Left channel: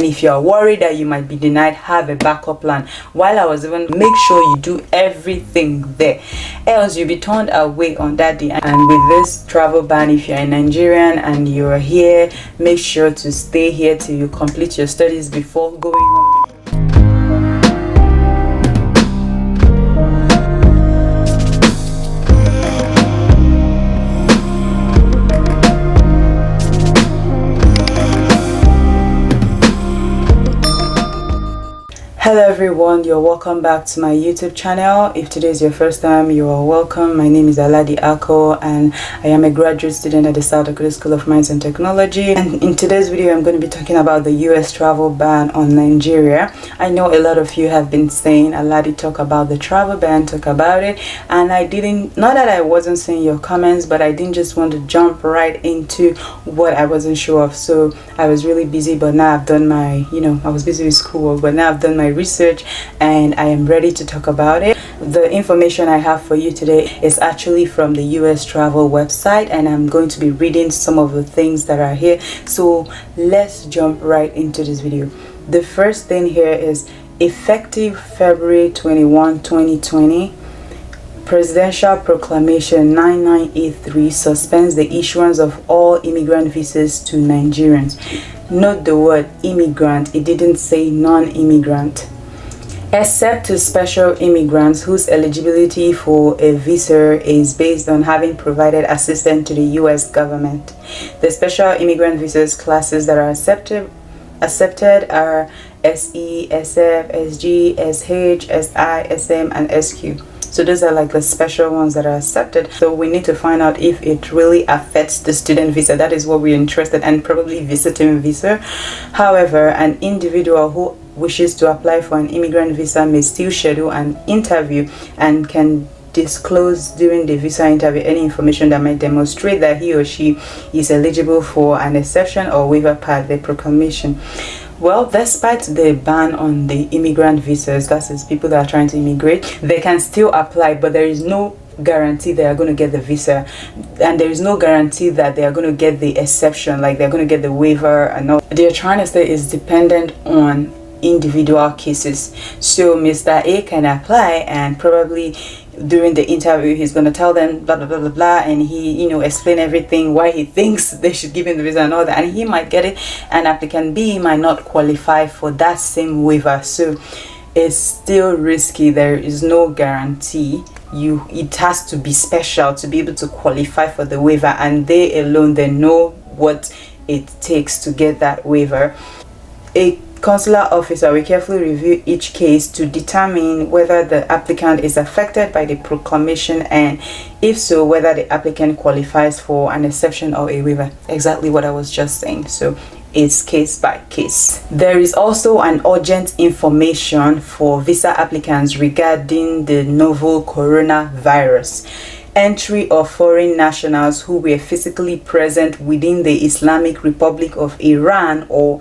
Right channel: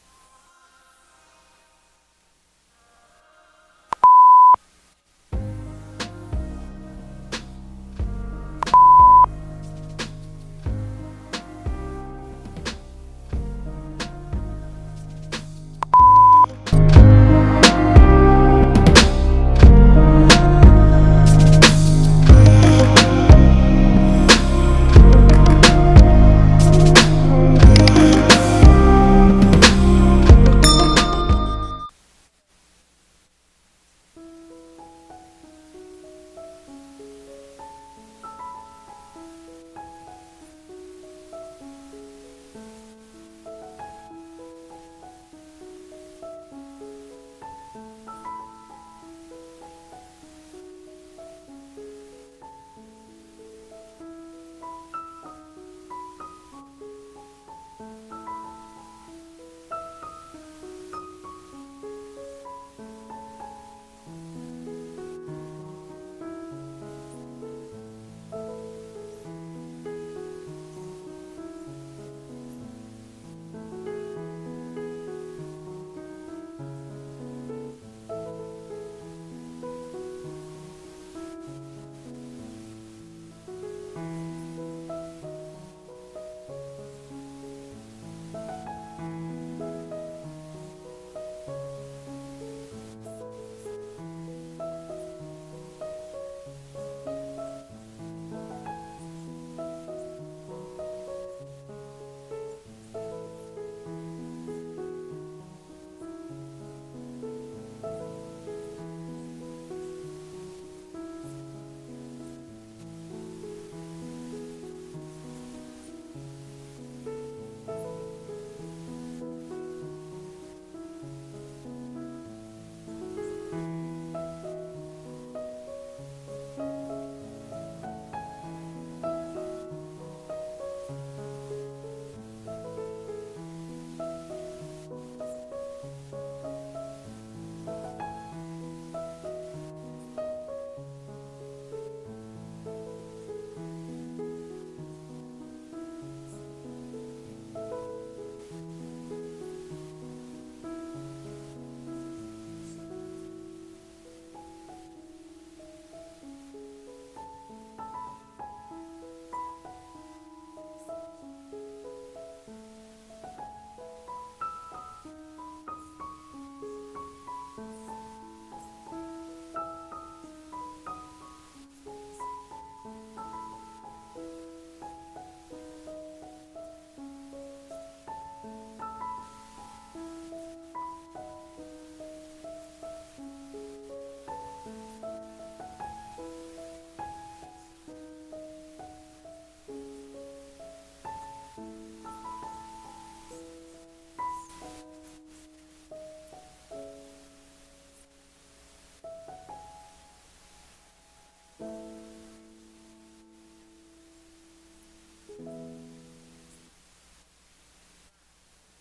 if you are worried that you might be denied, have a backup plan. While I was even, make sure you do everything there, else you'll be turned away on that day. And with this travel ban, if you're a Nigerian and you're here, make sure to stay here till you complete your studies before going home. Hello everyone, you're welcome back to my YouTube channel. If today is your first time, you are welcome. My name is Aladi-Ada Akoh and I am a graduate student at the South Dakota School of Mines and Technology. And in today's video, I'm going to be talking about the US travel ban on Nigeria. I know a lot of you have been saying, Aladi, talk about the travel ban, talk about it. And I didn't, not that I wasn't seeing your comments, but I didn't just want to jump right into what I wasn't sure of. So I was really busy, but now I've done my, I was busy with schoolwork, but now I've done my research and I am ready to talk about it. The information I have for you today is actually from the US travel website, and I'm going to be reading some of the things that are here. So let's jump right into this video. The first thing here is effective February 21, 2020. Presidential Proclamation 9983 suspends the issuance of all immigrant visas to Nigerians. Note the word immigrant, it didn't say non-immigrant. Except to special immigrants whose eligibility for a visa is based on having provided assistance to the US government. The special immigrant visas classes that are accepted are SE, SF, SG, SH, SI, SM, and SQ. So those are like the special ones that are accepted. So we need to find out if it really affects the student visa. That is what we're interested in, and probably visiting visa. However, an individual who wishes to apply for an immigrant visa may still schedule an interview and can disclose during the visa interview any information that might demonstrate that he or she is eligible for an exception or waiver per the proclamation. Well, despite the ban on the immigrant visas, that is people that are trying to immigrate, they can still apply, but there is no guarantee they are going to get the visa, and there is no guarantee that they are going to get the exception, like they're going to get the waiver and all. They're trying to say is dependent on individual cases. So Mr. A can apply, and probably during the interview he's going to tell them blah blah blah blah blah, and he explain everything why he thinks they should give him the visa and all that, and he might get it, and applicant B might not qualify for that same waiver. So it's still risky. There is no guarantee. It has to be special to be able to qualify for the waiver, and they alone, they know what it takes to get that waiver. A consular officer will carefully review each case to determine whether the applicant is affected by the proclamation, and if so, whether the applicant qualifies for an exception or a waiver. Exactly what I was just saying. So it's case by case. There is also an urgent information for visa applicants regarding the novel coronavirus. Entry of foreign nationals who were physically present within the Islamic Republic of Iran or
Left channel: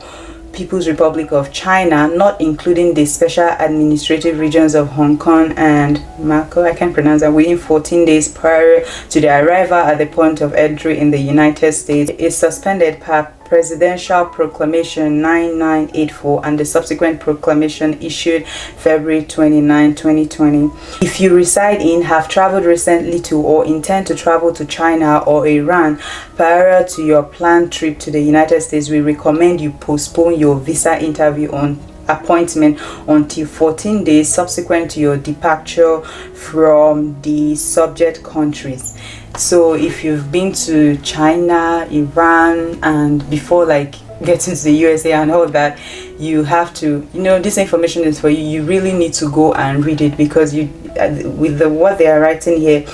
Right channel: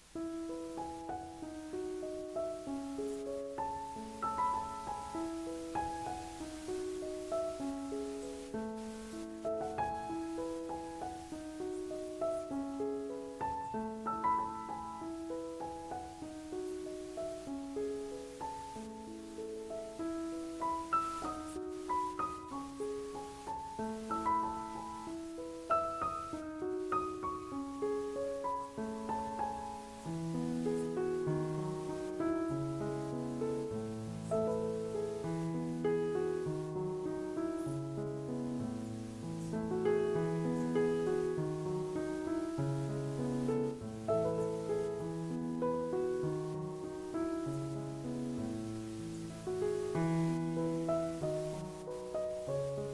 People's Republic of China, not including the special administrative regions of Hong Kong and Macau, I can't pronounce that, within 14 days prior to their arrival at the point of entry in the United States, is suspended per Presidential Proclamation 9984 and the subsequent proclamation issued February 29, 2020. If you reside in, have traveled recently to, or intend to travel to China or Iran prior to your planned trip to the United States, we recommend you postpone your visa interview on appointment until 14 days subsequent to your departure from the subject countries. So if you've been to China, Iran, and before like getting to the USA and all that, you have to, this information is for you. You really need to go and read it, because with what they are writing here,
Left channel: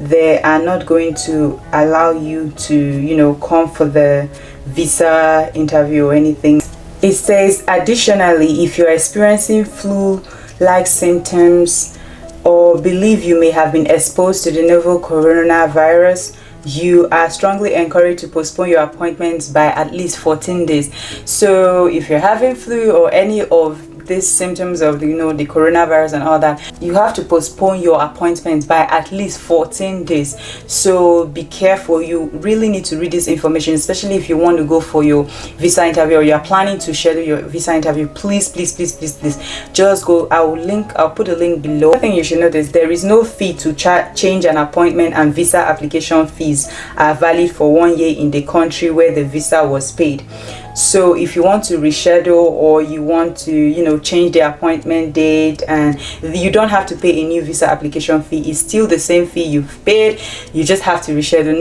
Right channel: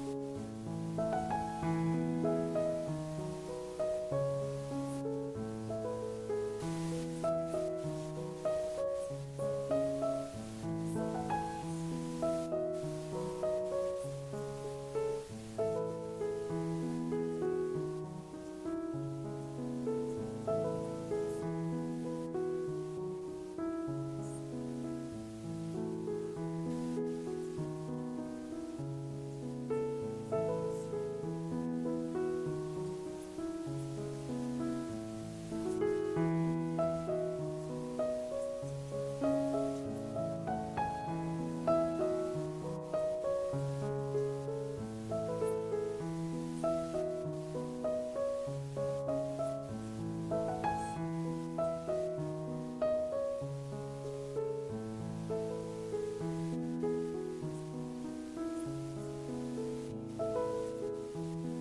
they are not going to allow you to, come for the visa interview or anything. It says, additionally, if you're experiencing flu-like symptoms or believe you may have been exposed to the novel coronavirus, you are strongly encouraged to postpone your appointments by at least 14 days. So if you're having flu or any of these symptoms of the coronavirus and all that, you have to postpone your appointment by at least 14 days. So be careful. You really need to read this information, especially if you want to go for your visa interview or you are planning to schedule your visa interview. Please just go. I'll put a link below. I think you should know this: there is no fee to change an appointment, and visa application fees are valid for 1 year in the country where the visa was paid. So if you want to reschedule or you want to change the appointment date, and you don't have to pay a new visa application fee. It's still the same fee you've paid. You just have to reschedule.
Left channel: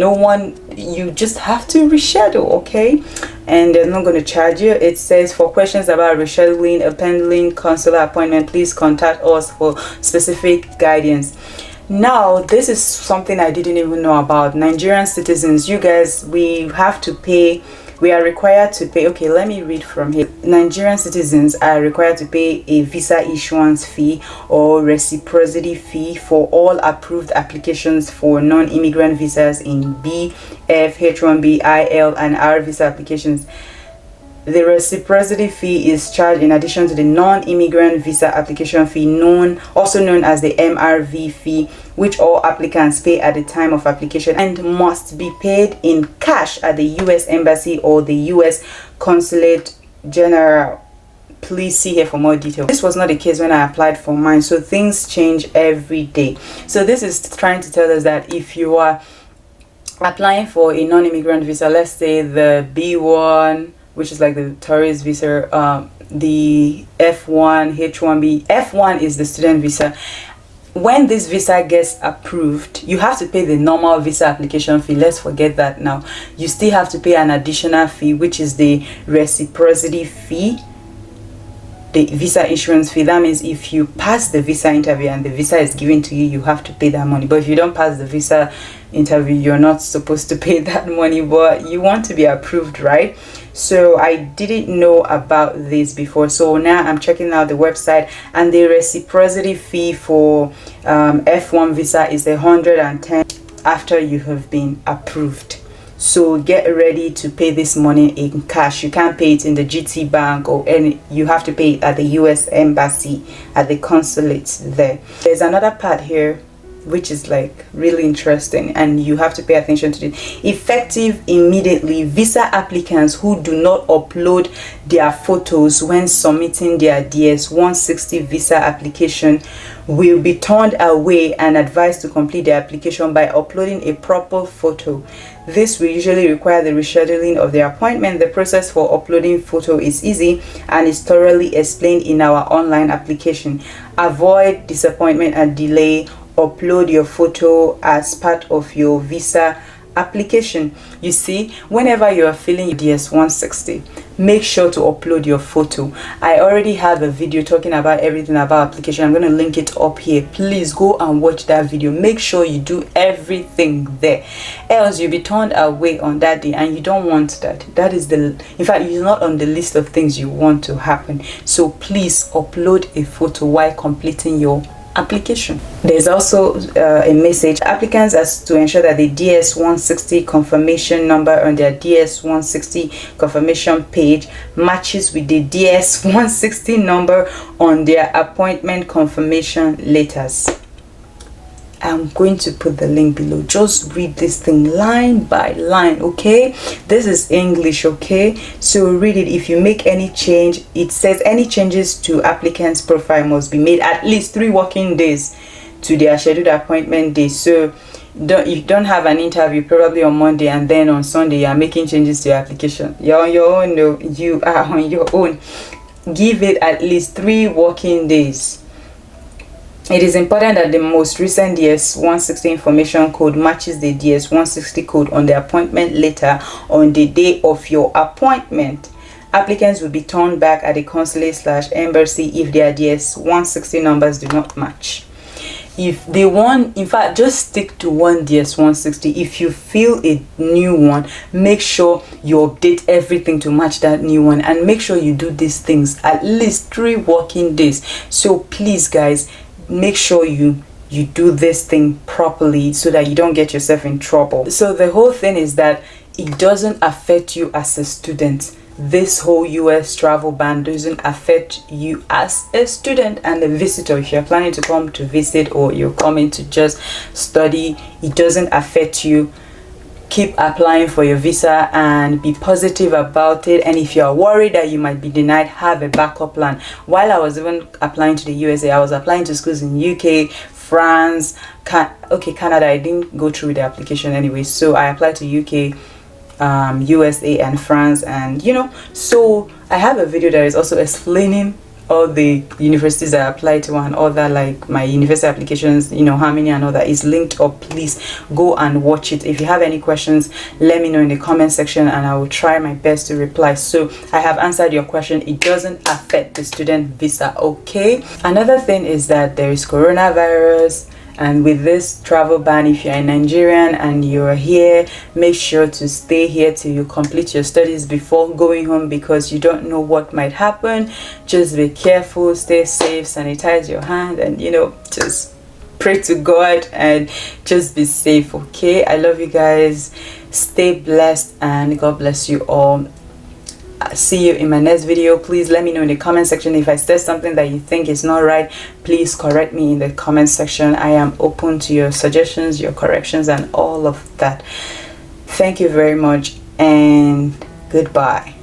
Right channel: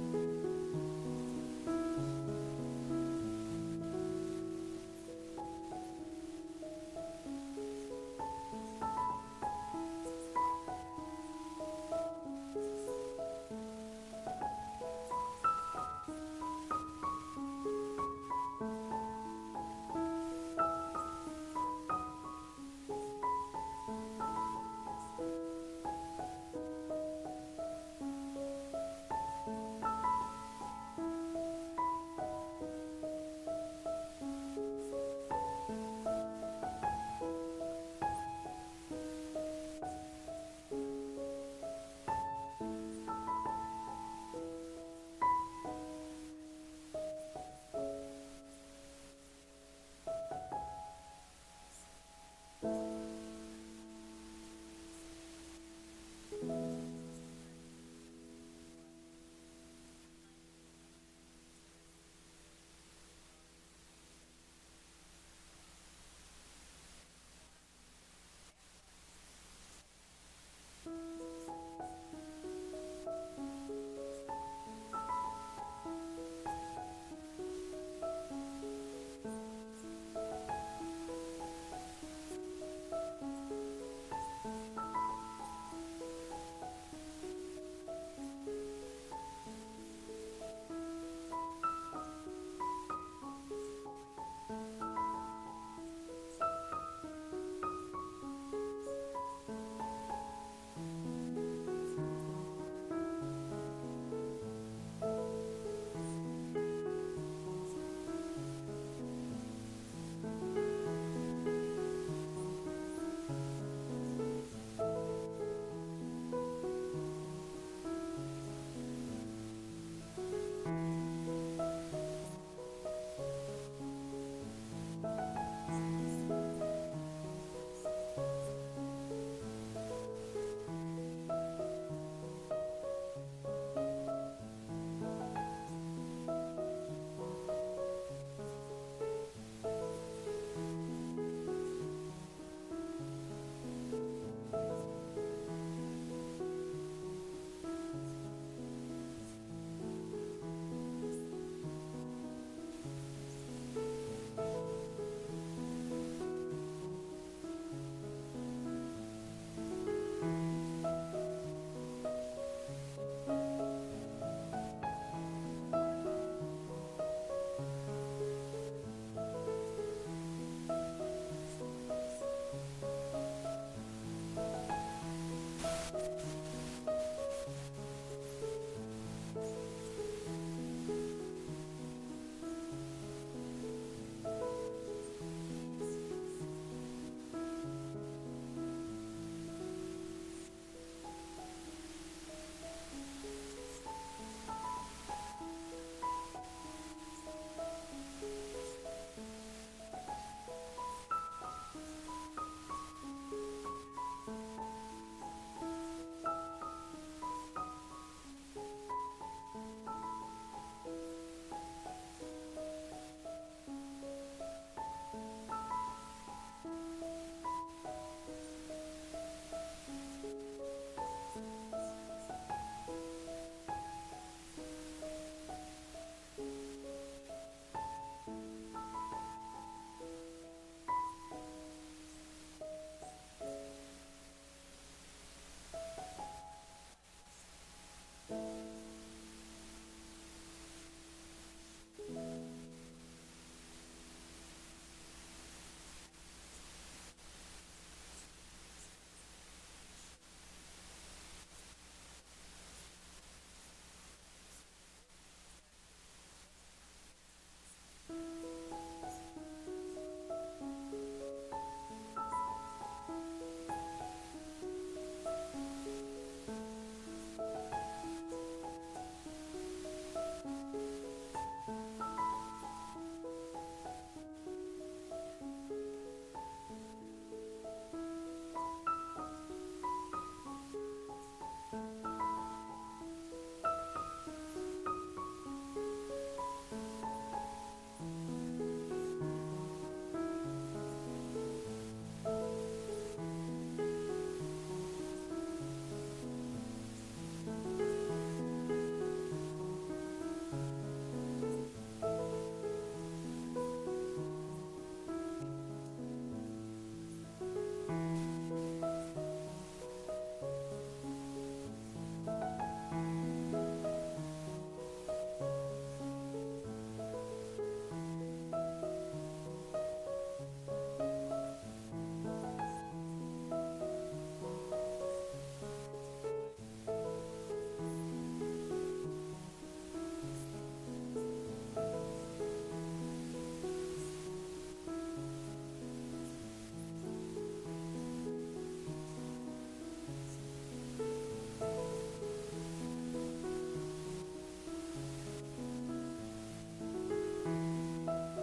You just have to reschedule, okay? And they're not going to charge you. It says, for questions about rescheduling a pending consular appointment, please contact us for specific guidance. Now, this is something I didn't even know about. Nigerian citizens, you guys, we are required to pay. Okay, let me read from here. Nigerian citizens are required to pay a visa issuance fee or reciprocity fee for all approved applications for non-immigrant visas in B, F, H1B, IL, and R visa applications. The reciprocity fee is charged in addition to the non-immigrant visa application fee, also known as the MRV fee, which all applicants pay at the time of application and must be paid in cash at the U.S. Embassy or the U.S. Consulate General. Please see here for more details. This was not the case when I applied for mine, so things change every day. So this is trying to tell us that if you are applying for a non-immigrant visa, let's say the B1, which is like the tourist visa, the F1, H1B. F1 is the student visa. When this visa gets approved, you have to pay the normal visa application fee. Let's forget that now. You still have to pay an additional fee, which is the reciprocity fee, the visa issuance fee. That means if you pass the visa interview and the visa is given to you, you have to pay that money. But if you don't pass the visa interview, you're not supposed to pay that money, but you want to be approved, right? So I didn't know about this before, so now I'm checking out the website, and the reciprocity fee for F1 visa is 110 after you have been approved. So get ready to pay this money in cash. You can't pay it in the GT Bank or any. You have to pay it at the US Embassy, at the consulate there. There's another part here which is like really interesting, and you have to pay attention to it. Effective immediately, visa applicants who do not upload their photos when submitting their DS160 visa application will be turned away and advised to complete their application by uploading a proper photo. This will usually require the rescheduling of their appointment. The process for uploading photo is easy and is thoroughly explained in our online application. Avoid disappointment and delay. Upload your photo as part of your visa application. You see, whenever you are filling your DS160, make sure to upload your photo. I already have a video talking about everything about application. I'm going to link it up here. Please go and watch that video. Make sure you do everything there, else you'll be turned away on that day, and you don't want that. That is in fact, it's not on the list of things you want to happen. So please upload a photo while completing your application. There's also a message. Applicants as to ensure that the DS160 confirmation number on their DS160 confirmation page matches with the DS160 number on their appointment confirmation letters. I'm going to put the link below. Just read this thing line by line, okay? This is English, okay? So read it. If you make any change, it says any changes to applicant's profile must be made at least 3 working days to their scheduled appointment day. So you don't have an interview probably on Monday, and then on Sunday you are making changes to your application. You're on your own. No, you are on your own. Give it at least 3 working days. It is important that the most recent DS160 information code matches the DS160 code on the appointment letter on the day of your appointment. Applicants will be turned back at the consulate/embassy if their DS160 numbers do not match. If they want, in fact, just stick to one DS160. If you feel a new one, make sure you update everything to match that new one, and make sure you do these things at least 3 working days. So please guys, make sure you do this thing properly so that you don't get yourself in trouble. So the whole thing is that it doesn't affect you as a student. this whole US travel ban doesn't affect you as a student and a visitor. If you're planning to come to visit or you're coming to just study, it doesn't affect you. Keep applying for your visa and be positive about it. And if you're worried that you might be denied, have a backup plan. While I was even applying to the USA, I was applying to schools in UK, France, Canada. I didn't go through the application anyway, so I applied to UK, USA and France, and so I have a video that is also explaining all the universities I applied to and all that, like my university applications, how many and all that is linked up. Please go and watch it. If you have any questions, let me know in the comment section and I will try my best to reply. So I have answered your question. It doesn't affect the student visa, okay? Another thing is that there is coronavirus, and with this travel ban, if you're a Nigerian and you're here, make sure to stay here till you complete your studies before going home, because you don't know what might happen. Just be careful, stay safe, sanitize your hand, and just pray to God and just be safe, okay? I love you guys. Stay blessed and God bless you all. See you in my next video. Please let me know in the comment section if I said something that you think is not right. Please correct me in the comment section. I am open to your suggestions, your corrections, and all of that. Thank you very much and goodbye.